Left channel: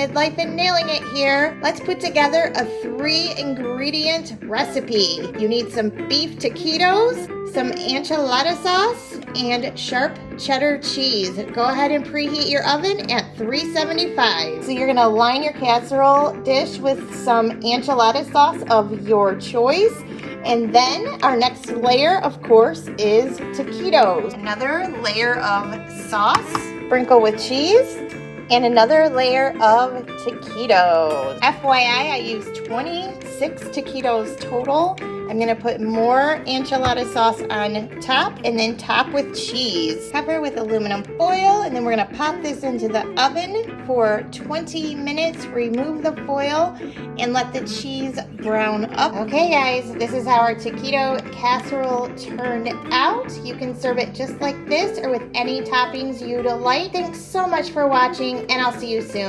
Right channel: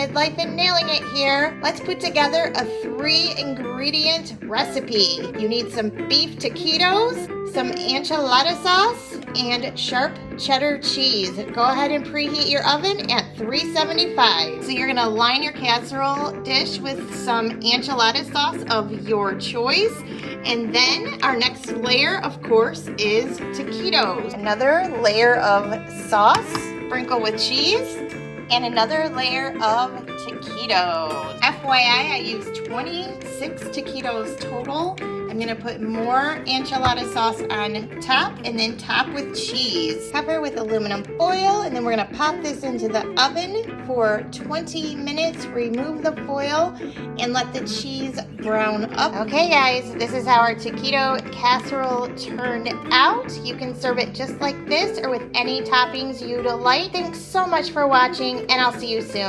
Midlife and nailing it here. Let's put together a 3-ingredient recipe. You need some beef taquitos, some enchilada sauce, and sharp cheddar cheese. Go ahead and preheat your oven at 375. So you're gonna line your casserole dish with some enchilada sauce of your choice. And then our next layer, of course, is taquitos. Another layer of sauce, sprinkle with cheese, and another layer of taquitos. FYI, I used 26 taquitos total. I'm gonna put more enchilada sauce on top and then top with cheese. Cover with aluminum foil, and then we're gonna pop this into the oven for 20 minutes. Remove the foil and let the cheese brown up. Okay guys, this is how our taquito casserole turned out. You can serve it just like this or with any toppings you'd like. Thanks so much for watching, and I'll see you soon.